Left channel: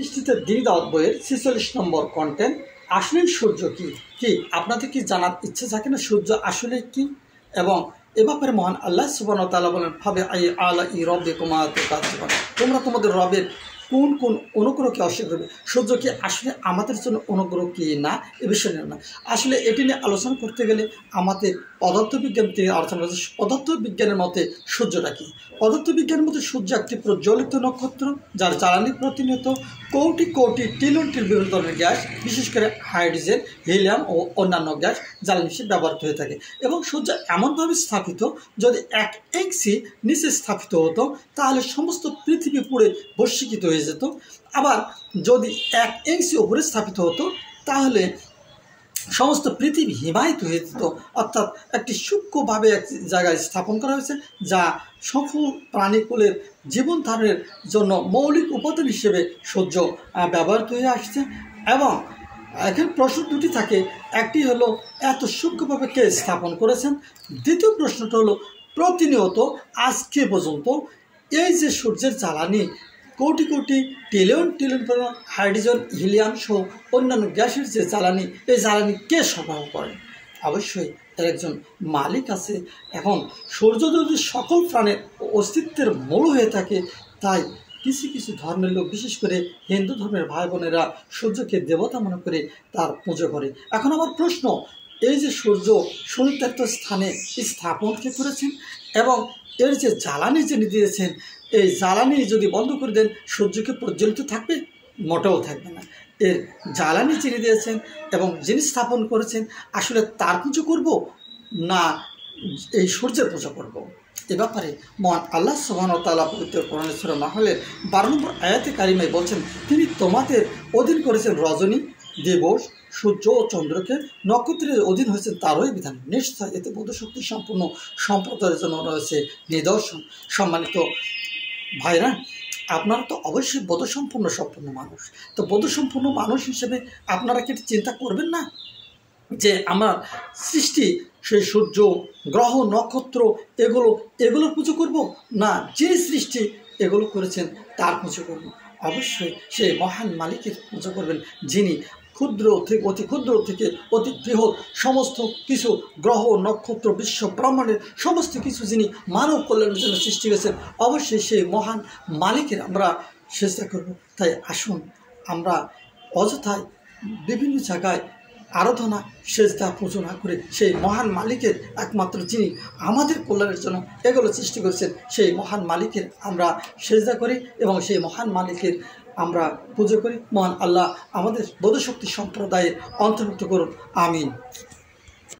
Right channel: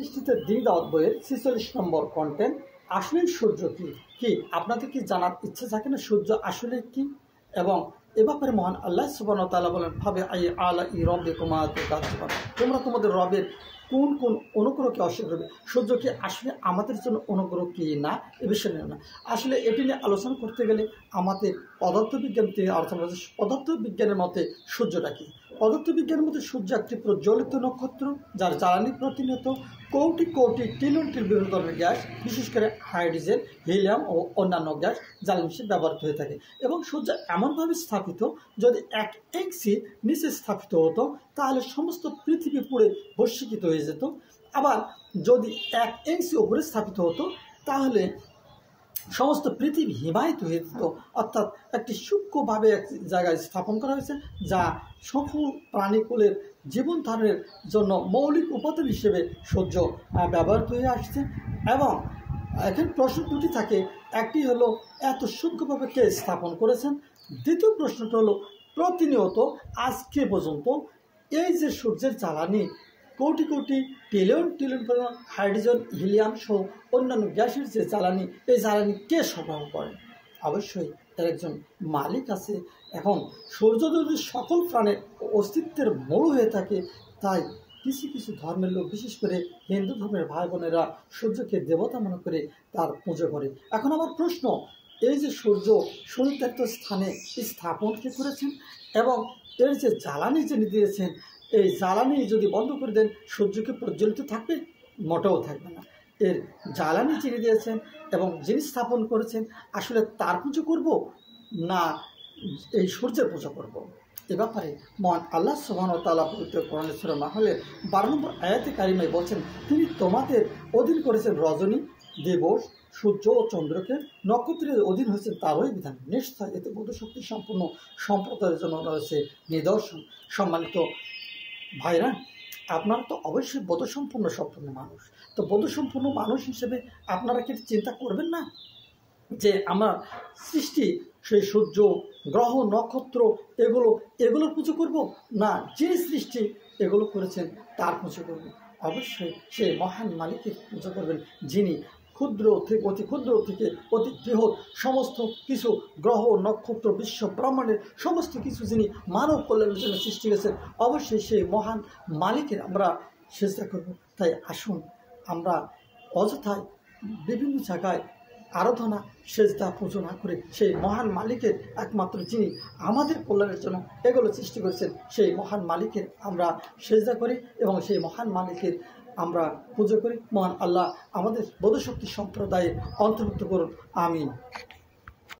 পৃষ্ঠিতে দিন দাওয়াত বইয়ের 46 নম্বর কন্টেন্ট আসলে সূর্য কি আপনাদের কি জানার ইচ্ছে থাকে না সূর্য আসলে কি? এবং এ ব্যাপারে মহান আল্লাহ সুবহানাহু ওয়া তাআলা বলেন, ভাবে আই আলা ই রাব্বিকুমা তুকাজ্জিবান, তোমরা তোমাদের রবের কোন কোন অনুগ্রহকে অস্বীকার করবে। সূর্য কি আসলে আমাদের জন্য অনুগ্রহ কি না, এ বিষয়ে না আসলে এটি নিয়ে আলোচনা করতে গেলে আমাদের পদার্থবিজ্ঞান থেকে আলোচনা করছে। পদার্থবিজ্ঞানের মতে সূর্যটা কি? পদার্থবিজ্ঞানের মতে সূর্য একটি প্রজ্বলিত নক্ষত্র, যার জ্বালানি প্রতিনিয়ত কোটি কোটি ট্রিলিয়ন বিভিন্ন ধরনের গ্যাস, বিশেষ করে হাইড্রোজেন, হিলিয়াম ও অন্যান্য গ্যাস জ্বালানি হিসেবে ব্যবহৃত হয়ে থাকে। এবং সূর্য এমনভাবে স্থাপিত, যদি 1 ইঞ্চি নিচে স্থাপিত হতো তাহলে সমস্ত পৃথিবী পুড়ে ভস্মীকৃত হয়ে যেত। আবার যদি 1 ইঞ্চি উপরে স্থাপিত হতো তাহলে সমস্ত পৃথিবী হিমায়িত হয়ে যেত। অর্থাৎ একটি সূক্ষ্মভাবে এক জায়গায় স্থাপন করা হয়েছে, যা সকল প্রাণীকুলের জীবন ধারণের জন্য মৌলিক উপাদান হিসেবে সূর্য ব্যবহৃত হয়ে আসছে। এবং এখানে প্রশ্ন দুটি থাকে, একটি হলো এত সূক্ষ্মভাবে কে স্থাপন করেছেন, দ্বিতীয় প্রশ্নটা হলো প্রতিনিয়ত আজকে পর্যন্ত এই যে সূর্যের জ্বালানি crore crore trillion trillion hydrogen, helium সহ অন্যান্য গ্যাসের যে জ্বালানি, এই জ্বালানি কে সরবরাহ করেন? অবশ্যই এর একজন মালিক আছে। এখন সূর্য যদি সকল প্রাণের অস্তিত্বের মূল হয়ে থাকে, তাই কিছু কিছু ধর্মের লোক, বিশেষ করে হিন্দু ধর্মের ভাই বোনেরা সূর্যকে দেবতা মনে করে তার পুজো করে। এখন আমার প্রশ্ন, এই যে সূর্য সুনির্দিষ্ট স্থানে স্থাপন কে করেছেন এবং এর যে জ্বালানি যিনি দিয়েছেন, এই জ্বালানি যদি বন্ধ করে দেন সূর্যকে প্রজ্বলিত থাকবে? মোটেও থাকবে না। এর জ্বালানি যিনি দিয়েছেন এবং যিনি স্থাপন করেছেন, আসলে তার পুজো করব না এই সূর্যের পুজো করব? এ ব্যাপারে মহান আল্লাহ সুবহানাহু ওয়া তাআলা পবিত্র কোরআনের সূরা নাহলের 12 নম্বর আয়াতে কারিমায় বলছেন, তিনি তোমাদের অধীন করেছেন রজনী, দিবস, সূর্য ও চন্দ্রকে, নক্ষত্রের অধীন হয়েছে তারই বিধান। নিশ্চয় এতে বোধশক্তি সম্পূর্ণ সম্প্রদায়ের জন্য রয়েছে নিদর্শন। সম্মানিত ভাইরা, আপনারা তো অবশ্যই বোধসম্পন্ন মানুষ। তো বোধসম্পন্ন মানুষ হিসেবে আপনারা কি চিন্তা করবেন না যে আমার সৃষ্টি সেই সূর্য, গ্রহ, নক্ষত্র এগুলোর পুজো করব, না যিনি সৃষ্টি এগুলো করেছেন তার পুজো করব? অবশ্যই সেই মহান মালিকের পুজো করবেন, যিনি ক্ষুদ্র থেকে অতি ক্ষুদ্র থেকে অতি বৃহৎ সমস্ত কিছু গ্রহ, নক্ষত্র, বিশ্ব ব্রহ্মাণ্ডের সমস্ত কিছু যিনি মানব কল্যাণের জন্য সৃষ্টি করেছেন। অবশ্যই সেই মহান মালিকের আমরা চেষ্টা করব। তাই আসুন আমরা অযথায় বিভিন্ন জায়গায় আরাধনা, সেজদা, পুজো না করে সেই মহান মালিকের, একমাত্র যিনি আমাদের কল্যাণের জন্য এগুলো সৃষ্টি করেছেন, সেই মহান মালিকের আমরা সেজদা করি এবং সেই মহান মালিকের আমরা পুজো করি। মহান আল্লাহ আমাদের বোধশক্তি সম্প্রদায়ের অন্তর্ভুক্ত করুন। আমিন।